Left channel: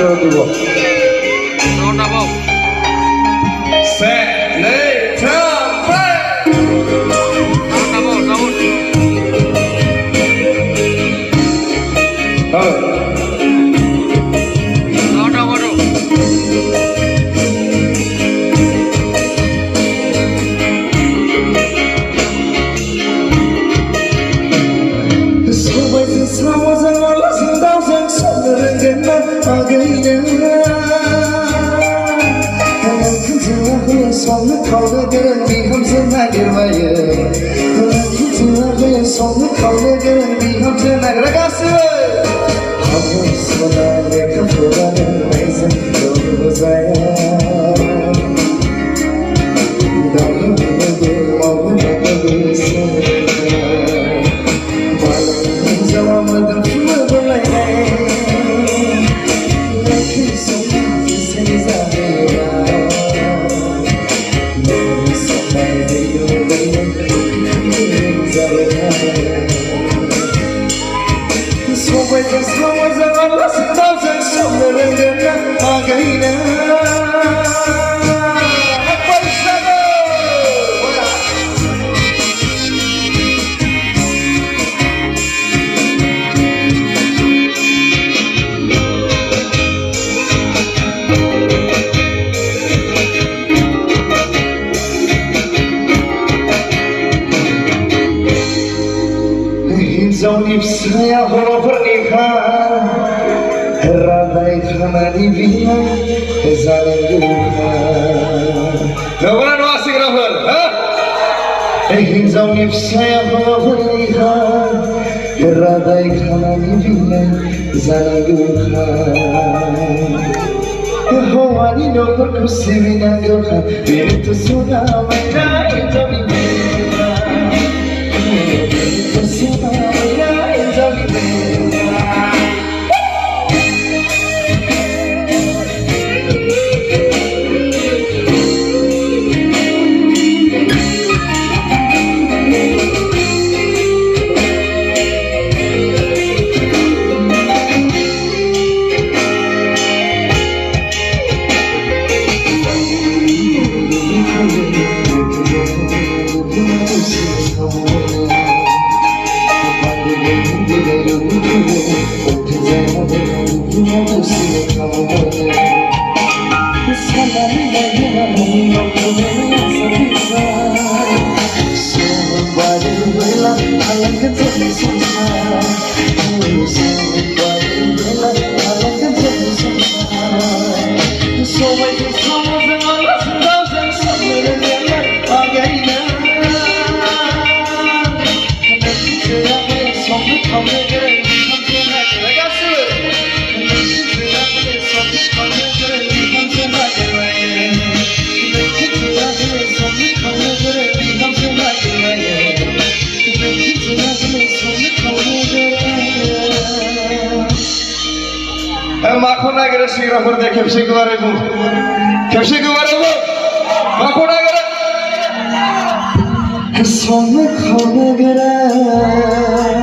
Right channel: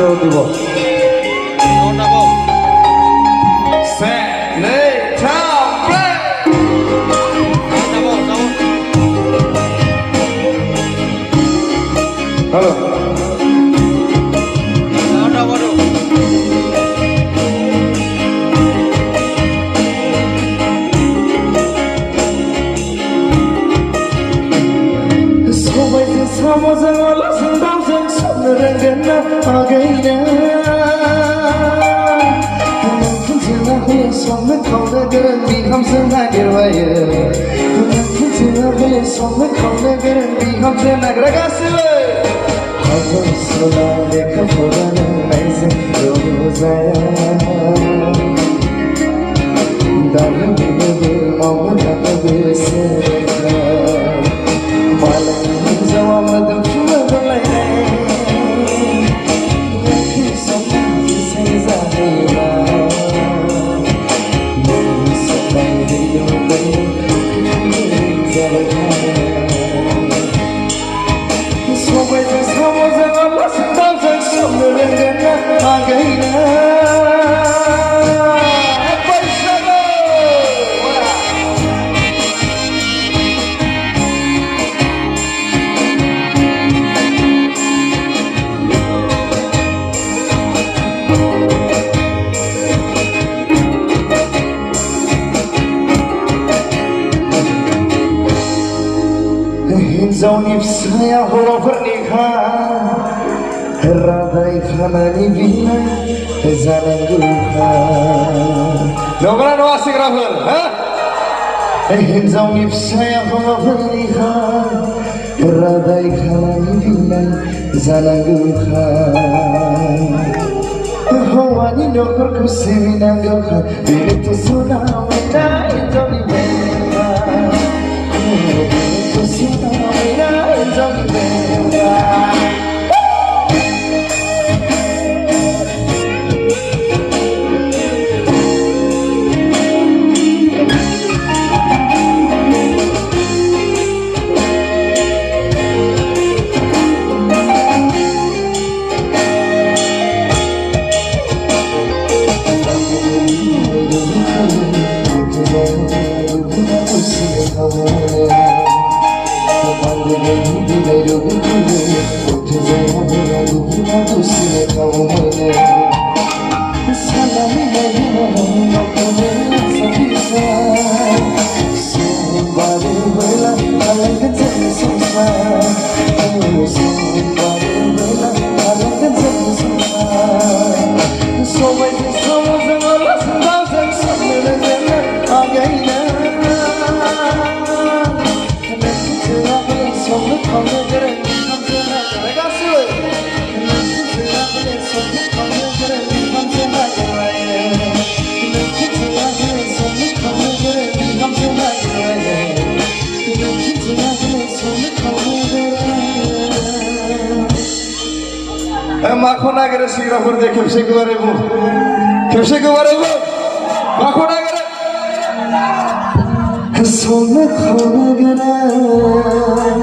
দিব Saya horo pernikahan radai khanani binai zalenduhan Nogara no asik rapper ha hinjau nip saya horo pernikahan radai khanani binai zalenduhan hawani nokor kusibina gokhan bintu suna mena injau binai bintu suna Makho nagara sigra korde kepse gubare bu makho nagara some khona gara